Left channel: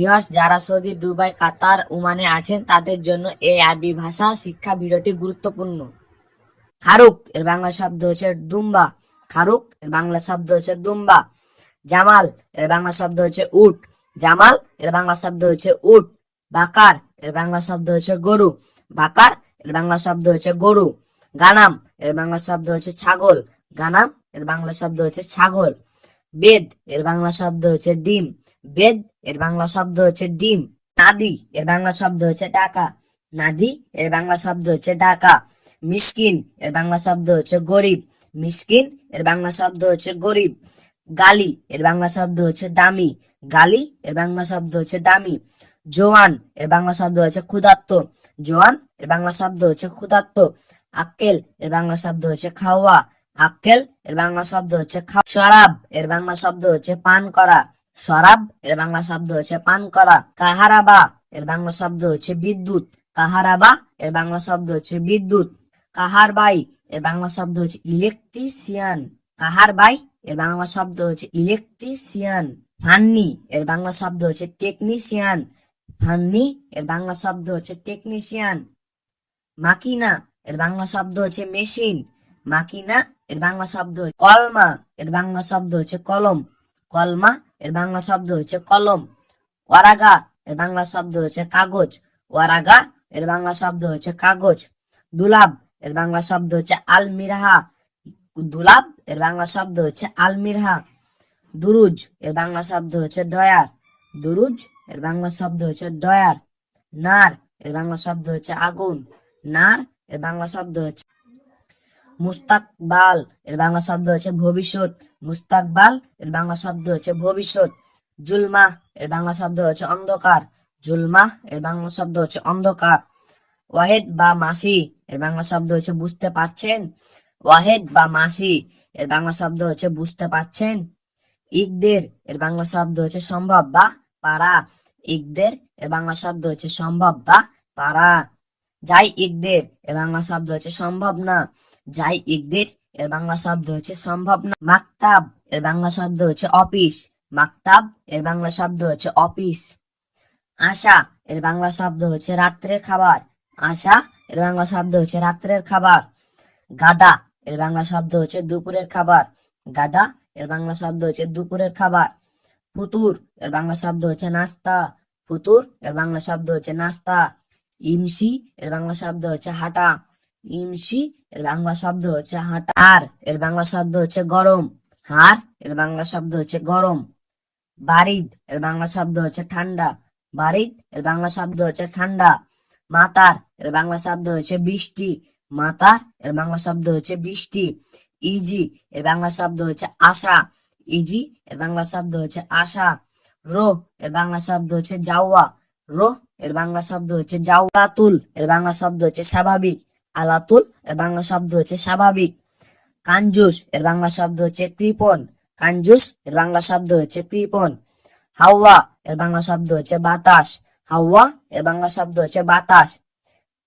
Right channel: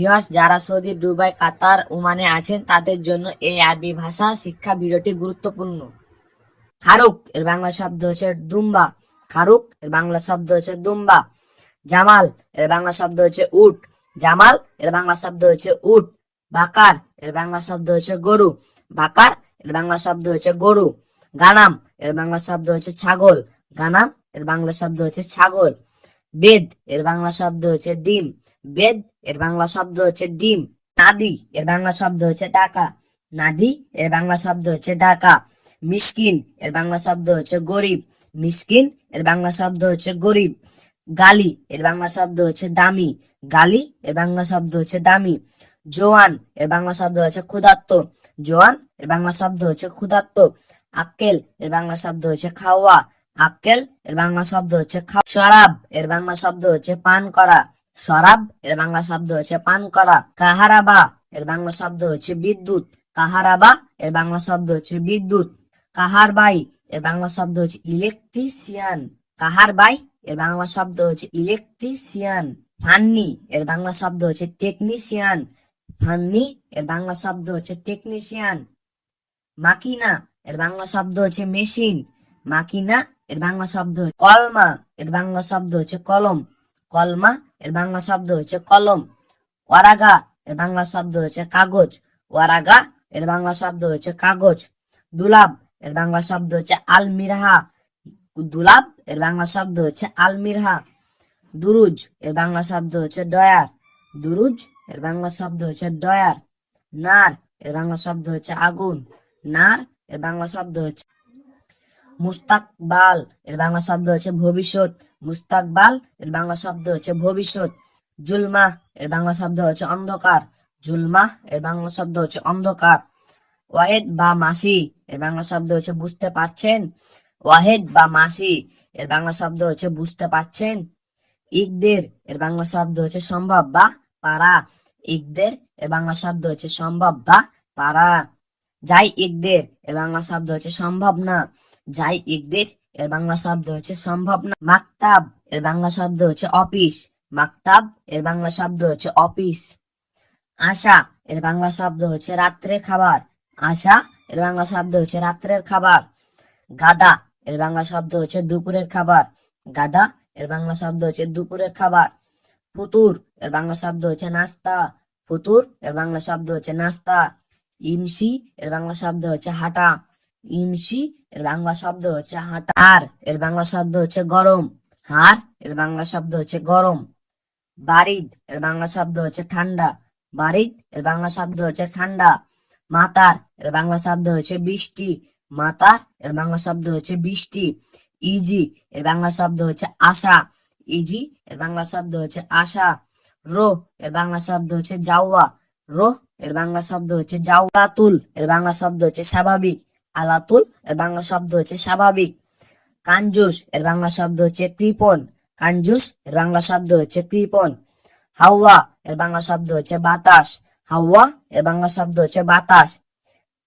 Viewers, যারা Saudi, Dubai, কাতার, ওমানে আছেন তাদের জন্য এই আরবি ভাষা শিক্ষা ভিডিওটি গুরুত্বপূর্ণ। খারুক এর বাংলা শব্দ হচ্ছে দুম্বা। খারুক এর বাংলা শব্দ হচ্ছে দুম্বা। জামাল এর বাংলা শব্দ হচ্ছে উট। জামাল এর বাংলা শব্দ হচ্ছে উট। বাকার এর বাংলা শব্দ হচ্ছে গরু। বাকার এর বাংলা শব্দ হচ্ছে গরু। গানাম এর বাংলা শব্দ হচ্ছে ছাগল। গানাম এর বাংলা শব্দ হচ্ছে ছাগল। বেদ এর বাংলা শব্দ হচ্ছে ডিম। বেদ এর বাংলা শব্দ হচ্ছে ডিম। নাদি এর বাংলা শব্দ হচ্ছে টাকা। নাদি এর বাংলা শব্দ হচ্ছে টাকা। মিসকিন এর বাংলা শব্দ হচ্ছে গরিব। মিসকিন এর বাংলা শব্দ হচ্ছে গরিব। গালি এর বাংলা শব্দ হচ্ছে দামি। গালি এর বাংলা শব্দ হচ্ছে দামি। জোয়ান এর বাংলা শব্দ হচ্ছে ক্ষুধার্ত। জোয়ান এর বাংলা শব্দ হচ্ছে ক্ষুধার্ত। আক্কেল এর বাংলা শব্দ হচ্ছে খাওয়া। আক্কেল এর বাংলা শব্দ হচ্ছে খাওয়া। শরাব এর বাংলা শব্দ হচ্ছে পান করা। শরাব এর বাংলা শব্দ হচ্ছে পান করা। কাহারাবা এর বাংলা শব্দ হচ্ছে বিদ্যুৎ। কাহারাবা এর বাংলা শব্দ হচ্ছে বিদ্যুৎ। কাহারবাই এর বাংলা শব্দ হচ্ছে ইলেকট্রিশিয়ান। কাহারবাই এর বাংলা শব্দ হচ্ছে ইলেকট্রিশিয়ান। ফান্নি এর বাংলা শব্দ হচ্ছে টেকনিশিয়ান। ফান্নি এর বাংলা শব্দ হচ্ছে টেকনিশিয়ান। মাকিনা এর বাংলা শব্দ হচ্ছে মেশিন। মাকিনা এর বাংলা শব্দ হচ্ছে কলমা এর বাংলা শব্দ হচ্ছে কলম। কলমা এর বাংলা শব্দ হচ্ছে কলম। ওয়ারাগা এর বাংলা শব্দ হচ্ছে কাগজ। ওয়ারাগা এর বাংলা শব্দ হচ্ছে কাগজ। দুলাব এর বাংলা শব্দ হচ্ছে আলমিরাহা। দুলাব এর বাংলা শব্দ হচ্ছে আলমিরাহা। দুরুজ এর বাংলা শব্দ হচ্ছে দয়ার। দুরুজ এর বাংলা শব্দ হচ্ছে দয়ার। নার এর বাংলা শব্দ হচ্ছে আগুন। নার এর বাংলা শব্দ হচ্ছে মুস্তাকবাল এর বাংলা শব্দ হচ্ছে ভবিষ্যৎ। মুস্তাকবাল এর বাংলা শব্দ হচ্ছে ভবিষ্যৎ। জুলমা এর বাংলা শব্দ হচ্ছে অন্ধকার। জুলমা এর বাংলা শব্দ হচ্ছে অন্ধকার। ওয়াহেদ বা মাসি এর বাংলা শব্দ হচ্ছে বুঝতে পারছেন। ওয়াহেদ বা মাসি এর বাংলা শব্দ হচ্ছে বুঝতে পারছেন। ইকদের এর বাংলা শব্দ হচ্ছে সম্ভব বা পারা। ইকদের এর বাংলা শব্দ হচ্ছে সম্ভব বা পারা। যাই ইকদের এর বাংলা শব্দ হচ্ছে সম্ভব না। যাই ইকদের এর বাংলা শব্দ হচ্ছে সম্ভব না। মাকতাব এর বাংলা শব্দ হচ্ছে অফিস। মাকতাব এর বাংলা শব্দ হচ্ছে অফিস। আশা এর বাংলা শব্দ হচ্ছে রাত্রের খাবার। আশা এর বাংলা শব্দ হচ্ছে রাত্রের খাবার। গাদা এর বাংলা শব্দ হচ্ছে দুপুরের খাবার। গাদা এর বাংলা শব্দ হচ্ছে দুপুরের খাবার। ফুতুর এর বাংলা শব্দ হচ্ছে নাস্তা। ফুতুর এর বাংলা শব্দ হচ্ছে নাস্তা। ইমসি এর বাংলা শব্দ হচ্ছে হাঁটা। ইমসি এর বাংলা শব্দ হচ্ছে হাঁটা। হার এর বাংলা শব্দ হচ্ছে গরম। হার এর বাংলা শব্দ হচ্ছে গরম। বারিদ এর বাংলা শব্দ হচ্ছে ঠান্ডা। বারিদ এর বাংলা শব্দ হচ্ছে ঠান্ডা। মাতার এর বাংলা শব্দ হচ্ছে বৃষ্টি। মাতার এর বাংলা শব্দ হচ্ছে বৃষ্টি। ইজি এর বাংলা শব্দ হচ্ছে আশা। ইজি এর বাংলা শব্দ হচ্ছে আশা। রো এর বাংলা শব্দ হচ্ছে যাওয়া। রো এর বাংলা শব্দ হচ্ছে যাওয়া। আলাতুল এর বাংলা শব্দ হচ্ছে স্বাভাবিক। আলাতুল এর বাংলা শব্দ হচ্ছে স্বাভাবিক। কাঞ্জুস এর বাংলা শব্দ হচ্ছে কৃপণ। কাঞ্জুস এর বাংলা শব্দ হচ্ছে কৃপণ। হাওয়া এর বাংলা শব্দ হচ্ছে বাতাস। হাওয়া এর বাংলা শব্দ হচ্ছে বাতাস।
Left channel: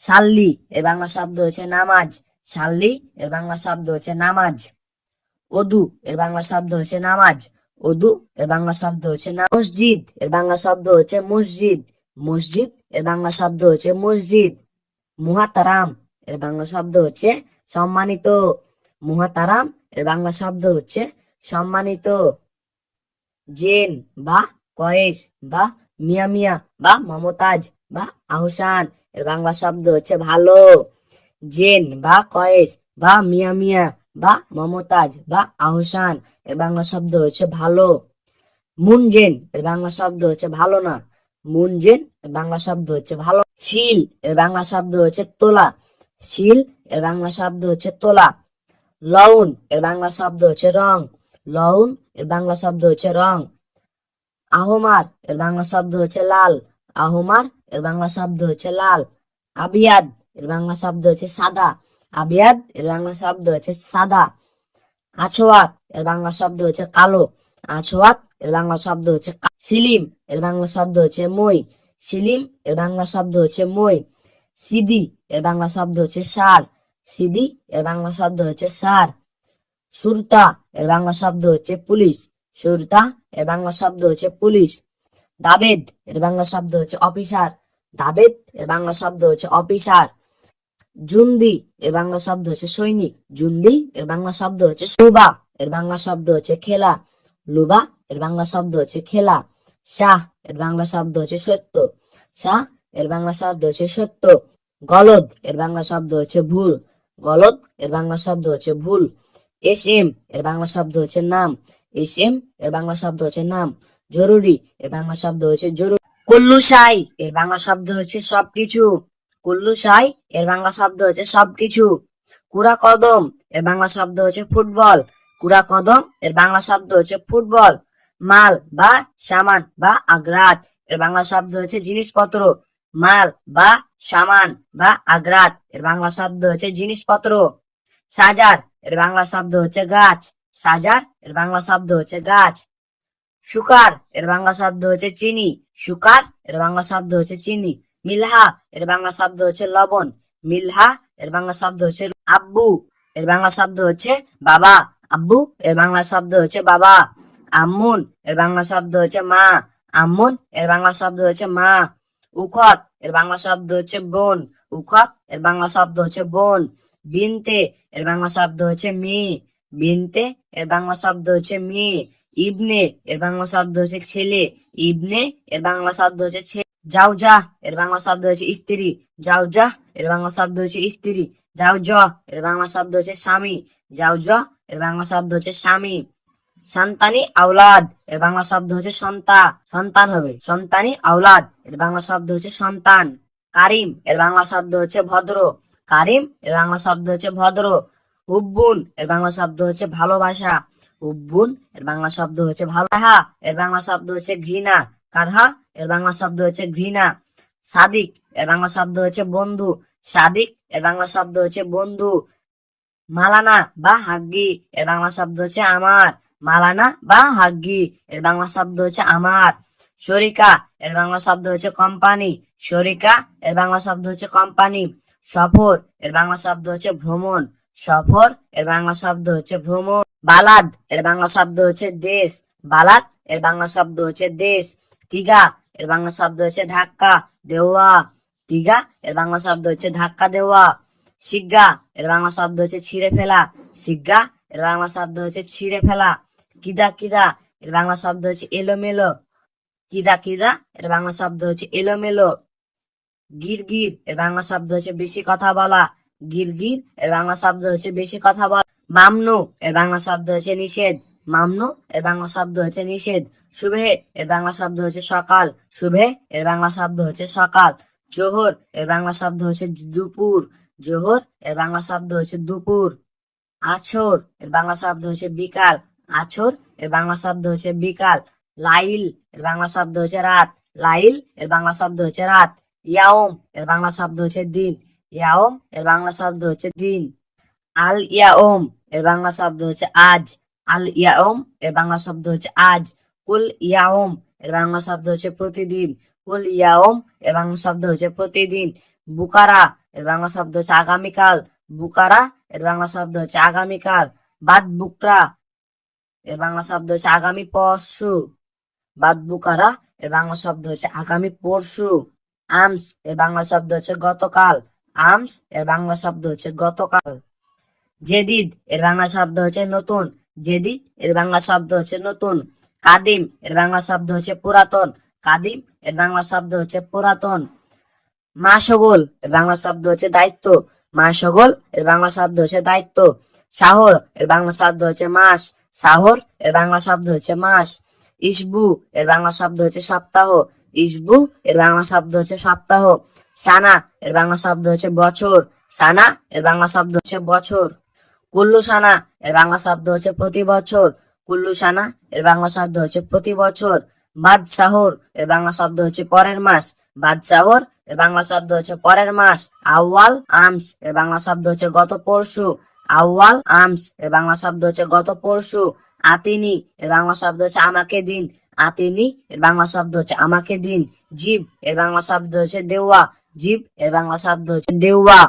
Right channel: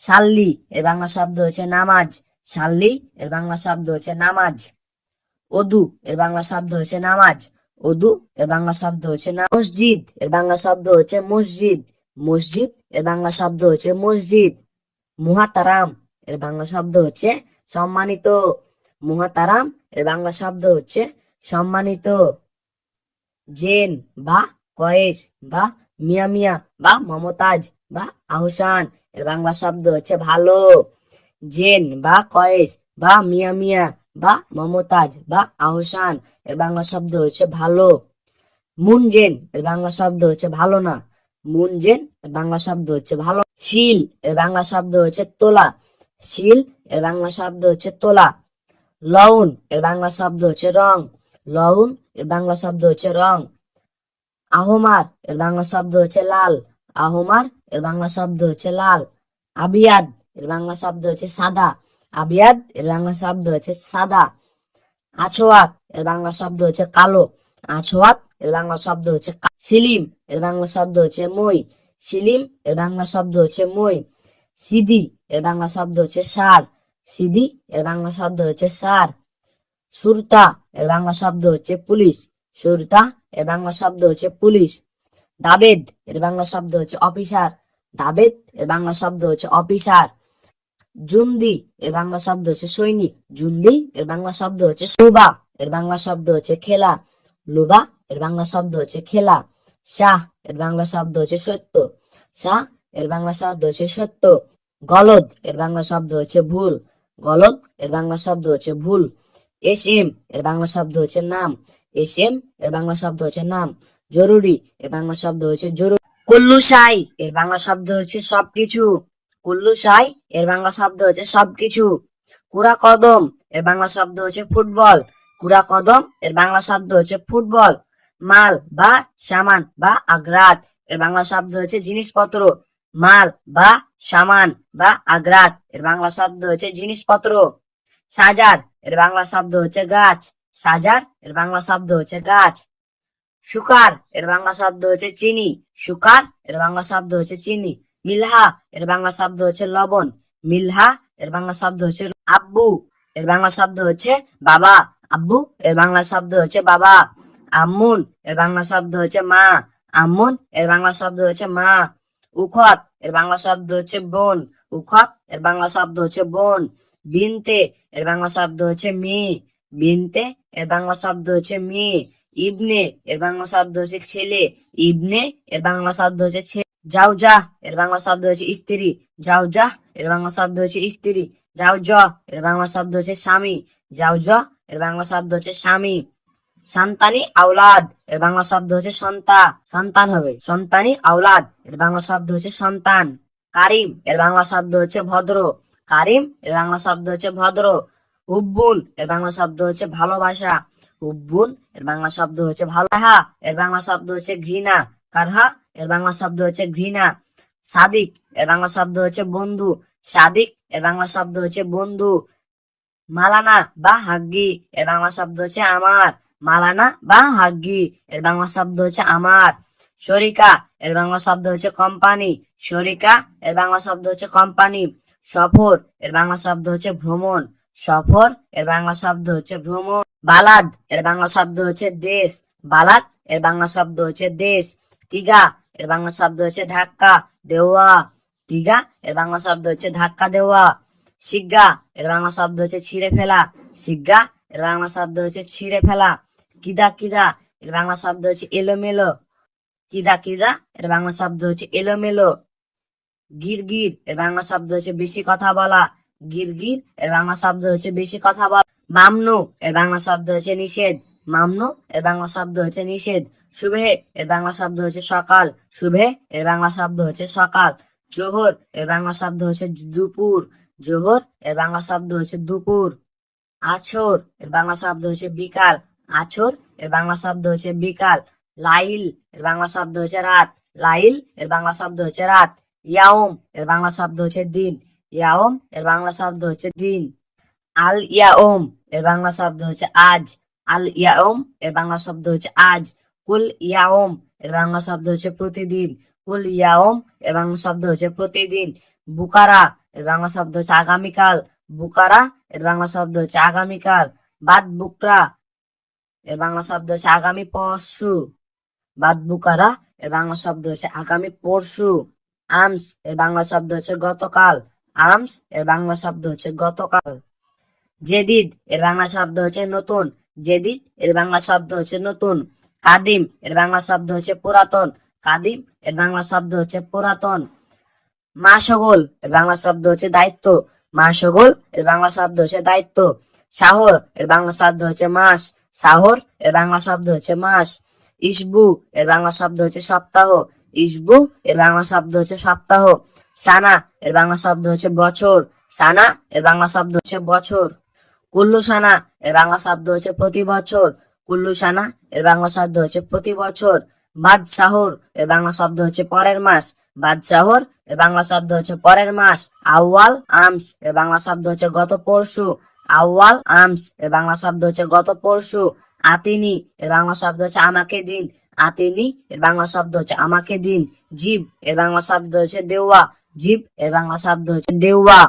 সাল্লি এর বাংলা শব্দ হচ্ছে নামাজ। সাল্লি এর বাংলা শব্দ হচ্ছে নামাজ। ওদু এর বাংলা শব্দ হচ্ছে নামাজ। ওদু এর বাংলা শব্দ হচ্ছে মসজিদ এর বাংলা শব্দ হচ্ছে মসজিদ। মসজিদ এর বাংলা শব্দ হচ্ছে মসজিদ। মুহাতারাম এর বাংলা শব্দ হচ্ছে সম্মানিত। মুহাতারাম এর বাংলা শব্দ হচ্ছে সম্মানিত। জেন বা কয়েস বা মিয়া মিয়া বা মমতাজ বা আহসান এর বাংলা শব্দ হচ্ছে ভালো। জেন বা কয়েস বা মিয়া মিয়া বা মমতাজ বা আহসান এর বাংলা শব্দ হচ্ছে ভালো। মুনজেন এর বাংলা শব্দ হচ্ছে ভালো না। মুনজেন এর বাংলা শব্দ হচ্ছে ভালো। শিল এর বাংলা শব্দ হচ্ছে তোলা। শিল এর বাংলা শব্দ হচ্ছে তোলা। লউন এর বাংলা শব্দ হচ্ছে রং। লউন এর বাংলা শব্দ হচ্ছে রং। আহমার এর বাংলা শব্দ হচ্ছে লাল। আহমার এর বাংলা শব্দ হচ্ছে লাল। আবিয়াদ এর বাংলা শব্দ হচ্ছে সাদা। আবিয়াদ এর বাংলা শব্দ হচ্ছে সাদা। আছোয়াত এর বাংলা শব্দ হচ্ছে কালো। আছোয়াত এর বাংলা শব্দ হচ্ছে সিলিম এর বাংলা শব্দ হচ্ছে মই। সিলিম এর বাংলা শব্দ হচ্ছে মই। সিদি এর বাংলা শব্দ হচ্ছে সার। সিদি এর বাংলা শব্দ হচ্ছে সার। সুরতা এর বাংলা শব্দ হচ্ছে পুলিশ। সুরতা এর বাংলা শব্দ হচ্ছে পুলিশ। দাবেদ এর বাংলা শব্দ হচ্ছে অফিসার, দাবেদ এর বাংলা শব্দ হচ্ছে অফিসার। জুন্দি এর বাংলা শব্দ হচ্ছে সৈনিক, জুন্দি এর বাংলা শব্দ হচ্ছে লুবা এর বাংলা শব্দ হচ্ছে খেলা, লুবা এর বাংলা শব্দ হচ্ছে খেলা। শাহ এর বাংলা শব্দ হচ্ছে সত্য, শাহ এর বাংলা শব্দ হচ্ছে সত্য। গলদ এর বাংলা শব্দ হচ্ছে ভুল, গলদ এর বাংলা শব্দ হচ্ছে ভুল। এস এম এর বাংলা শব্দ হচ্ছে নাম, এস এম এর বাংলা শব্দ হচ্ছে নাম। জরুরি এর বাংলা শব্দ হচ্ছে জরুরি। কুল্লু সাই এর বাংলা শব্দ হচ্ছে সবকিছু, কুল্লু সাই এর বাংলা শব্দ হচ্ছে সবকিছু। কুড়া কদম এর বাংলা শব্দ হচ্ছে ফুটবল, কুড়া কদম এর বাংলা শব্দ হচ্ছে ফুটবল। মাল বা সামান বা আগ্রাত এর বাংলা শব্দ হচ্ছে জিনিসপত্র, মাল বা সামান বা আগ্রাত এর বাংলা শব্দ হচ্ছে জিনিসপত্র। সাজার এর বাংলা শব্দ হচ্ছে গাছ, সাজার এর বাংলা শব্দ হচ্ছে গাছ। সুকার এর বাংলা শব্দ হচ্ছে চিনি, সুকার এর বাংলা শব্দ হচ্ছে চিনি। মিলহা এর বাংলা শব্দ হচ্ছে লবণ, মিলহা এর বাংলা শব্দ হচ্ছে। আব্বু এর বাংলা শব্দ হচ্ছে বাবা, আব্বু এর বাংলা শব্দ হচ্ছে বাবা। আম্মুন এর বাংলা শব্দ হচ্ছে মা, আম্মুন এর বাংলা শব্দ হচ্ছে মা। উখত এর বাংলা শব্দ হচ্ছে বোন, উখত এর বাংলা শব্দ হচ্ছে বোন। বিনতে এর বাংলা শব্দ হচ্ছে মেয়ে, বিনতে এর বাংলা শব্দ হচ্ছে মেয়ে। ইবনে এর বাংলা শব্দ হচ্ছে ছেলে, ইবনে এর বাংলা শব্দ হচ্ছে ছেলে। জাউজা এর বাংলা শব্দ হচ্ছে স্ত্রী, জাউজা এর বাংলা শব্দ হচ্ছে স্ত্রী। জাউজ এর বাংলা শব্দ হচ্ছে স্বামী, জাউজ এর বাংলা শব্দ হচ্ছে স্বামী। সন্তানি আওলাদ এর বাংলা শব্দ হচ্ছে সন্তান হবে, সন্তানি আওলাদ এর বাংলা শব্দ হচ্ছে সন্তান। কারিম এর বাংলা শব্দ হচ্ছে ভদ্র, কারিম এর বাংলা শব্দ হচ্ছে ভদ্র। হুব্বুন এর বাংলা শব্দ হচ্ছে ভালোবাসা, হুব্বুন এর বাংলা শব্দ হচ্ছে ভালো। কারহা এর বাংলা শব্দ হচ্ছে ঘৃণা, কারহা এর বাংলা শব্দ হচ্ছে ঘৃণা। সাদিক এর বাংলা শব্দ হচ্ছে বন্ধু, সাদিক এর বাংলা শব্দ হচ্ছে বন্ধু। মালানা বা হাগ্গি এর বাংলা শব্দ হচ্ছে আমার, মালানা বা হাগ্গি এর বাংলা শব্দ হচ্ছে আমার। শরিকা এর বাংলা শব্দ হচ্ছে কোম্পানি, শরিকা এর বাংলা শব্দ হচ্ছে কোম্পানি। সফর এর বাংলা শব্দ হচ্ছে ভ্রমণ, সফর এর বাংলা শব্দ হচ্ছে ভ্রমণ। বালাদ এর বাংলা শব্দ হচ্ছে দেশ, বালাদ এর বাংলা শব্দ হচ্ছে দেশ। তিগা এর বাংলা শব্দ হচ্ছে ধাক্কা দেওয়া, তিগা এর বাংলা শব্দ হচ্ছে ধাক্কা দেওয়া। শিগ্গা এর বাংলা শব্দ হচ্ছে ছিঁড়ে ফেলা, শিগ্গা এর বাংলা শব্দ হচ্ছে ছিঁড়ে ফেলা। কিদা কিদা এর বাংলা শব্দ হচ্ছে এলোমেলো, কিদা কিদা এর বাংলা শব্দ হচ্ছে এলোমেলো। গিরগির এর বাংলা শব্দ হচ্ছে বেশি কথা বলা, গিরগির এর বাংলা শব্দ হচ্ছে বেশি কথা বলা। মামনু এর বাংলা শব্দ হচ্ছে নিষেধ, মামনু এর বাংলা শব্দ হচ্ছে নিষেধ। সুবহে এর বাংলা শব্দ হচ্ছে সকাল, সুবহে এর বাংলা শব্দ হচ্ছে সকাল। জোহর এর বাংলা শব্দ হচ্ছে দুপুর, জোহর এর বাংলা শব্দ হচ্ছে দুপুর। আছর এর বাংলা শব্দ হচ্ছে বিকাল, আছর এর বাংলা শব্দ হচ্ছে বিকাল। লাইল এর বাংলা শব্দ হচ্ছে রাত, লাইল এর বাংলা শব্দ হচ্ছে রাত। ইয়াওম এর বাংলা শব্দ হচ্ছে দিন, ইয়াওম এর বাংলা শব্দ হচ্ছে দিন। আল ইয়াওম এর বাংলা শব্দ হচ্ছে আজ, আল ইয়াওম এর বাংলা শব্দ হচ্ছে আজ। কুল ইয়াওম এর বাংলা শব্দ হচ্ছে প্রতিদিন, কুল ইয়াওম এর বাংলা শব্দ হচ্ছে প্রতিদিন। বুকারা এর বাংলা শব্দ হচ্ছে আগামীকাল, বুকারা এর বাংলা শব্দ হচ্ছে আগামীকাল। বাদ বুকরা এর বাংলা শব্দ হচ্ছে আগামী পরশু, বাদ বুকারা এর বাংলা শব্দ হচ্ছে আগামী পরশু। আমস এর বাংলা শব্দ হচ্ছে গতকাল, আমস এর বাংলা শব্দ হচ্ছে গতকাল। জেদিদ এর বাংলা শব্দ হচ্ছে নতুন, জেদিদ এর বাংলা শব্দ হচ্ছে নতুন। কাদিম এর বাংলা শব্দ হচ্ছে পুরাতন, কাদিম এর বাংলা শব্দ হচ্ছে পুরাতন। মাসগোল এর বাংলা শব্দ হচ্ছে দায়িত্ব, মাসগোল এর বাংলা শব্দ হচ্ছে দায়িত্ব। শাহর এর বাংলা শব্দ হচ্ছে মাস, শাহর এর বাংলা শব্দ হচ্ছে মাস। ইসবু এর বাংলা শব্দ হচ্ছে সপ্তাহ, ইসবু এর বাংলা শব্দ হচ্ছে সপ্তাহ। সানা এর বাংলা শব্দ হচ্ছে বছর, সানা এর বাংলা শব্দ হচ্ছে বছর। কুল্লু সানা এর বাংলা শব্দ হচ্ছে প্রতি বছর, কুল্লু সানা এর বাংলা শব্দ হচ্ছে প্রতি বছর। বাদশাহর এর বাংলা শব্দ হচ্ছে পরের মাস, বাদশাহর এর বাংলা শব্দ হচ্ছে পরের মাস। আউয়াল আমস এর বাংলা শব্দ হচ্ছে গত পরশু, আউয়াল আমস এর বাংলা শব্দ হচ্ছে গত পরশু। আতিনি এর বাংলা শব্দ হচ্ছে আমাকে দিন, আতিনি এর বাংলা শব্দ হচ্ছে আমাকে দিন। জিব এর বাংলা শব্দ হচ্ছে দেওয়া, জিব এর বাংলা শব্দ হচ্ছে দেওয়া।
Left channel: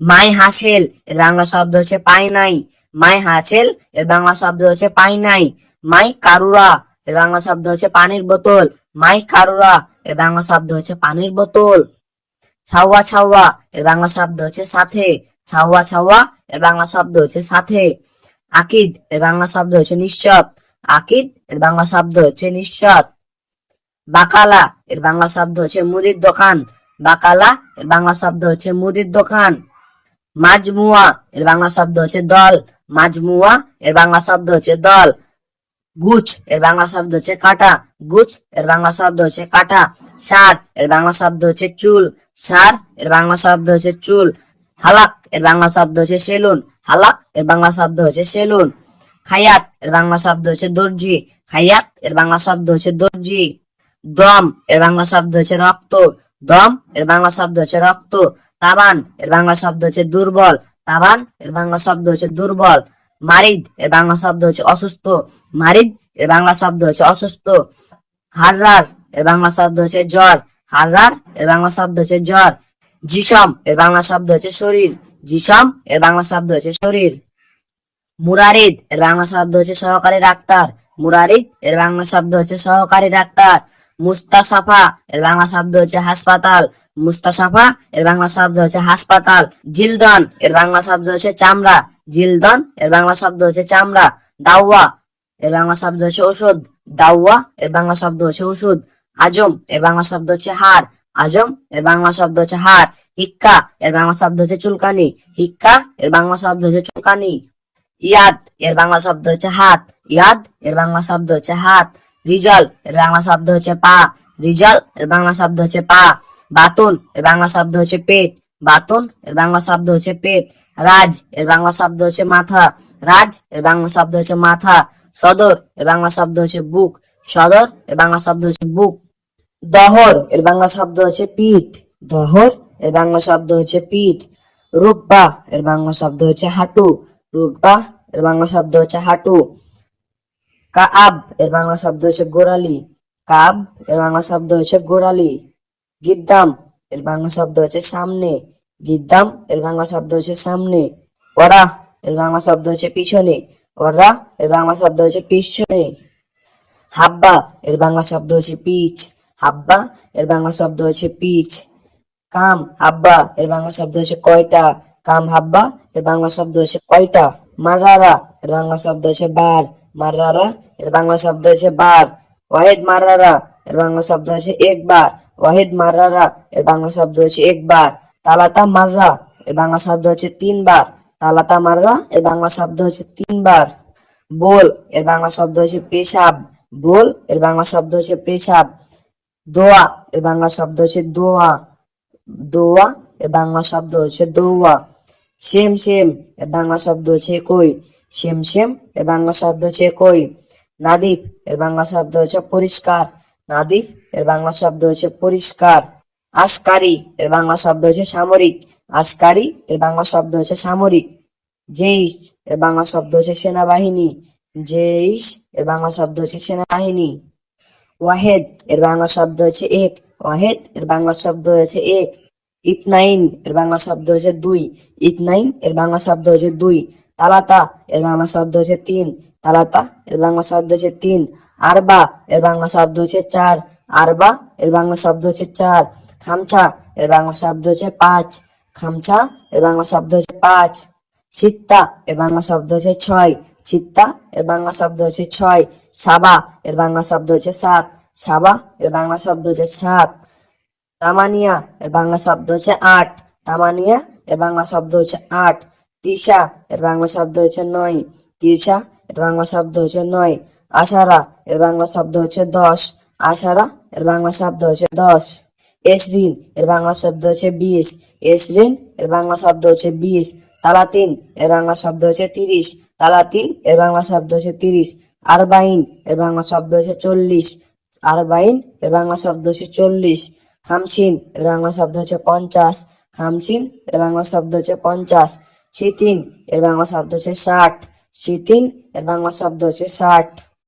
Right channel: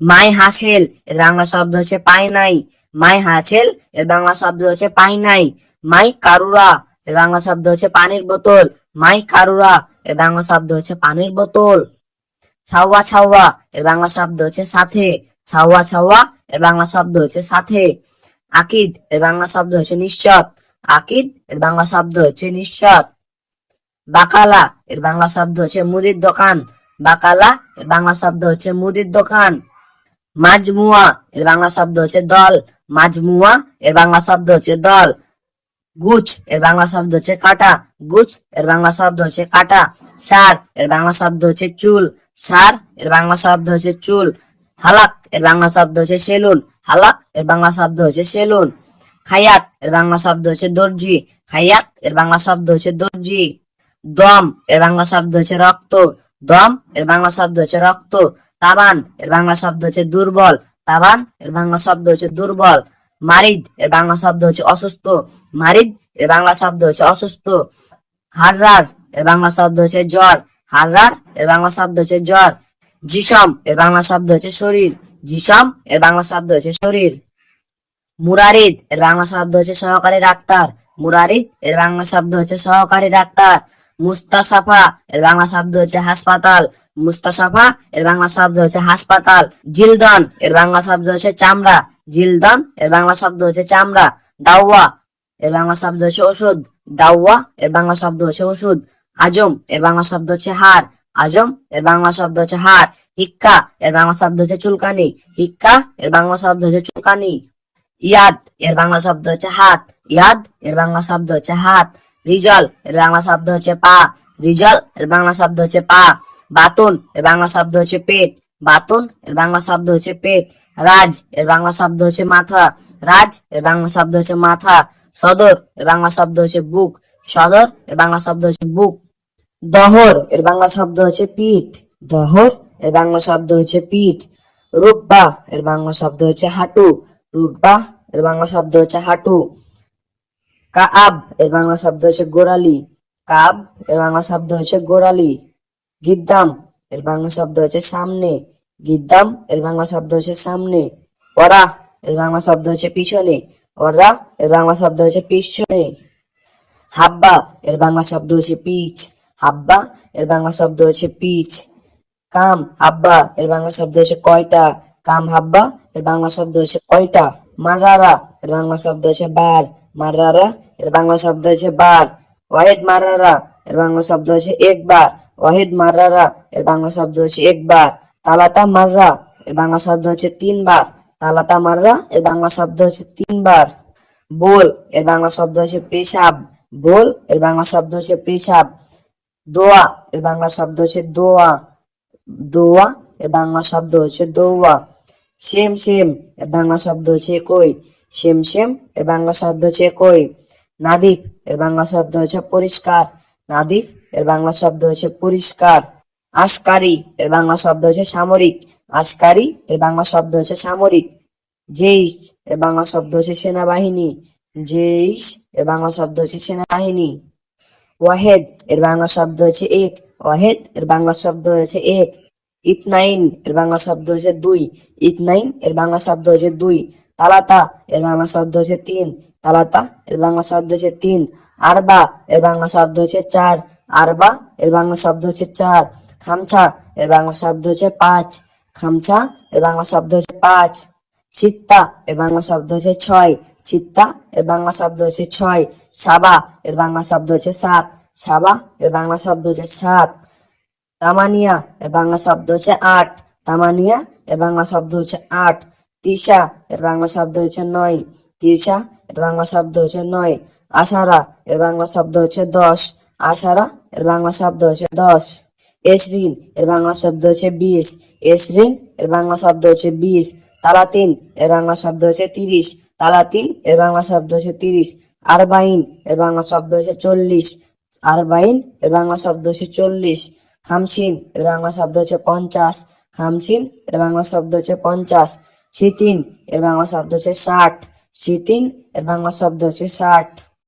মাই হাসেল এর বাংলা শব্দ হচ্ছে পাই নাই, মাই হাসেল এর বাংলা শব্দ হচ্ছে পাই নাই। মাই কারুরা এর বাংলা শব্দ হচ্ছে পানির বোতল, মাই কারুরা এর বাংলা শব্দ হচ্ছে পানির বোতল। ছাওয়া ছাওয়া এর বাংলা শব্দ হচ্ছে সাথে। ছাওয়া ছাওয়া এর বাংলা শব্দ হচ্ছে সাথে। আকিদ এর বাংলা শব্দ হচ্ছে নিশ্চত। আকিদ এর বাংলা শব্দ হচ্ছে নিশ্চত। বাকালা এর বাংলা শব্দ হচ্ছে মুদির দোকান। বাকালা এর বাংলা শব্দ হচ্ছে মুদির দোকান। মাজমুয়া এর বাংলা শব্দ হচ্ছে দল। মাজমুয়া এর বাংলা শব্দ হচ্ছে দল। গুছ এর বাংলা শব্দ হচ্ছে কাটা। গুছ এর বাংলা শব্দ হচ্ছে কাটা। সার এর বাংলা শব্দ হচ্ছে চুল। সার এর বাংলা শব্দ হচ্ছে চুল। হালাক এর বাংলা শব্দ হচ্ছে সেলুন। হালাক এর বাংলা শব্দ হচ্ছে সেলুন। খায়াত এর বাংলা শব্দ হচ্ছে দর্জি। খায়াত এর বাংলা শব্দ হচ্ছে দর্জি। দম এর বাংলা শব্দ হচ্ছে রক্ত। দম এর বাংলা শব্দ হচ্ছে রক্ত। তাবান এর বাংলা শব্দ হচ্ছে দুর্বল। তাবান এর বাংলা শব্দ হচ্ছে দুর্বল। মারিদ এর বাংলা শব্দ হচ্ছে অসুস্থ। মারিদ এর বাংলা শব্দ হচ্ছে অসুস্থ। হাররার এর বাংলা শব্দ হচ্ছে জ্বর। হাররার এর বাংলা শব্দ হচ্ছে জ্বর। জিসম এর বাংলা শব্দ হচ্ছে শরীর। জিসম এর বাংলা শব্দ হচ্ছে শরীর। মুরারিদ এর বাংলা শব্দ হচ্ছে সহকারী ডাক্তার। মুরারিদ এর বাংলা শব্দ হচ্ছে সহকারী ডাক্তার। মুস্তাসাফা এর বাংলা শব্দ হচ্ছে হাসপাতাল। মুস্তাসাফা এর বাংলা শব্দ হচ্ছে হাসপাতাল। জিলদন এর বাংলা শব্দ হচ্ছে চামড়া। জিলদন এর বাংলা শব্দ হচ্ছে চামড়া। দাওয়া এর বাংলা শব্দ হচ্ছে ওষুধ। দাওয়া এর বাংলা শব্দ হচ্ছে ওষুধ। আজম এর বাংলা শব্দ হচ্ছে হাড়। আজম এর বাংলা শব্দ হচ্ছে হাড়। হিক্কা এর বাংলা শব্দ হচ্ছে চুলকানি। হিক্কা এর বাংলা শব্দ হচ্ছে চুলকানি। ইয়াদ এর বাংলা শব্দ হচ্ছে হাত। ইয়াদ এর বাংলা শব্দ হচ্ছে হাত। রিজল এর বাংলা শব্দ হচ্ছে পা। রিজল এর বাংলা শব্দ হচ্ছে পা। বাতুন এর বাংলা শব্দ হচ্ছে পেট। বাতুন এর বাংলা শব্দ হচ্ছে পেট। রাজ এর বাংলা শব্দ হচ্ছে মাথা। রাজ এর বাংলা শব্দ হচ্ছে মাথা। সদর এর বাংলা শব্দ হচ্ছে বুক। সদর এর বাংলা শব্দ হচ্ছে বুক। দহর এর বাংলা শব্দ হচ্ছে পিঠ। দহর এর বাংলা শব্দ হচ্ছে পিঠ। রুকবা এর বাংলা শব্দ হচ্ছে হাঁটু। রুকবা এর বাংলা শব্দ হচ্ছে হাঁটু। কাআব এর বাংলা শব্দ হচ্ছে গোড়ালি। কাব এর বাংলা শব্দ হচ্ছে গোড়ালি। গিদ্দাম এর বাংলা শব্দ হচ্ছে সামনে। গিদ্দাম এর বাংলা শব্দ হচ্ছে সামনে। ওরা এর বাংলা শব্দ হচ্ছে পিছনে। ওরা এর বাংলা শব্দ হচ্ছে পিছনে। হাব্বা এর বাংলা শব্দ হচ্ছে পিচ। হাব্বা এর বাংলা শব্দ হচ্ছে পিচ। কাম হাব্বা এর বাংলা শব্দ হচ্ছে কয়টা। কাম হাব্বা এর বাংলা শব্দ হচ্ছে কয়টা। মাররারা এর বাংলা শব্দ হচ্ছে বার। মাররারা এর বাংলা শব্দ হচ্ছে বার। ওয়াহিদ মাররারা এর বাংলা শব্দ হচ্ছে একবার। ওয়াহিদ মাররারা এর বাংলা শব্দ হচ্ছে একবার। তালাতা মাররা এর বাংলা শব্দ হচ্ছে তিনবার। তালাতা মাররা এর বাংলা শব্দ হচ্ছে তিনবার। বোল এর বাংলা শব্দ হচ্ছে পেশাব। বোল এর বাংলা শব্দ হচ্ছে পেশাব। দোয়া এর বাংলা শব্দ হচ্ছে দোয়া। দোয়া এর বাংলা শব্দ হচ্ছে দৌয়া। সেম সেম এর বাংলা শব্দ হচ্ছে একই। সেম সেম এর বাংলা শব্দ হচ্ছে একই। নাদিফ এর বাংলা শব্দ হচ্ছে পরিষ্কার। নাদিফ এর বাংলা শব্দ হচ্ছে পরিষ্কার। আশকারি এর বাংলা শব্দ হচ্ছে সামরিক। আশকারি এর বাংলা শব্দ হচ্ছে সামরিক। জেইশ এর বাংলা শব্দ হচ্ছে সেনাবাহিনী। জেইশ এর বাংলা শব্দ হচ্ছে সেনাবাহিনী। ওয়াহেদ এর বাংলা শব্দ হচ্ছে এক। ওয়াহেদ এর বাংলা শব্দ হচ্ছে এক। ইতনাইন এর বাংলা শব্দ হচ্ছে দুই। ইতনাইন এর বাংলা শব্দ হচ্ছে দুই। তালাতা এর বাংলা শব্দ হচ্ছে তিন। তালাতা এর বাংলা শব্দ হচ্ছে তিন। আরবা এর বাংলা শব্দ হচ্ছে চার। আরবা এর বাংলা শব্দ হচ্ছে চার। খামছা এর বাংলা শব্দ হচ্ছে পাঁচ। খামছা এর বাংলা শব্দ হচ্ছে পাঁচ। চিত্তা এর বাংলা শব্দ হচ্ছে ছয়। চিত্তা এর বাংলা শব্দ হচ্ছে ছয়। সাবা এর বাংলা শব্দ হচ্ছে সাত। সাবা এর বাংলা শব্দ হচ্ছে সাত। তামানিয়া এর বাংলা শব্দ হচ্ছে আট। তামানিয়া এর বাংলা শব্দ হচ্ছে আট। তিসা এর বাংলা শব্দ হচ্ছে নয়। তিসা এর বাংলা শব্দ হচ্ছে নয়। আশারা এর বাংলা শব্দ হচ্ছে দশ। আশারা এর বাংলা শব্দ হচ্ছে দশ। এসরিন এর বাংলা শব্দ হচ্ছে 20। এসরিন এর বাংলা শব্দ হচ্ছে 20। তালাতিন এর বাংলা শব্দ হচ্ছে 30। তালাতিন এর বাংলা শব্দ হচ্ছে 30। আরবাইন এর বাংলা শব্দ হচ্ছে 40। আরবাইন এর বাংলা শব্দ হচ্ছে 40। খামসিন এর বাংলা শব্দ হচ্ছে 50। খামসিন এর বাংলা শব্দ হচ্ছে 50। সিতিন এর বাংলা শব্দ হচ্ছে 60। সিতিন এর বাংলা শব্দ হচ্ছে 60।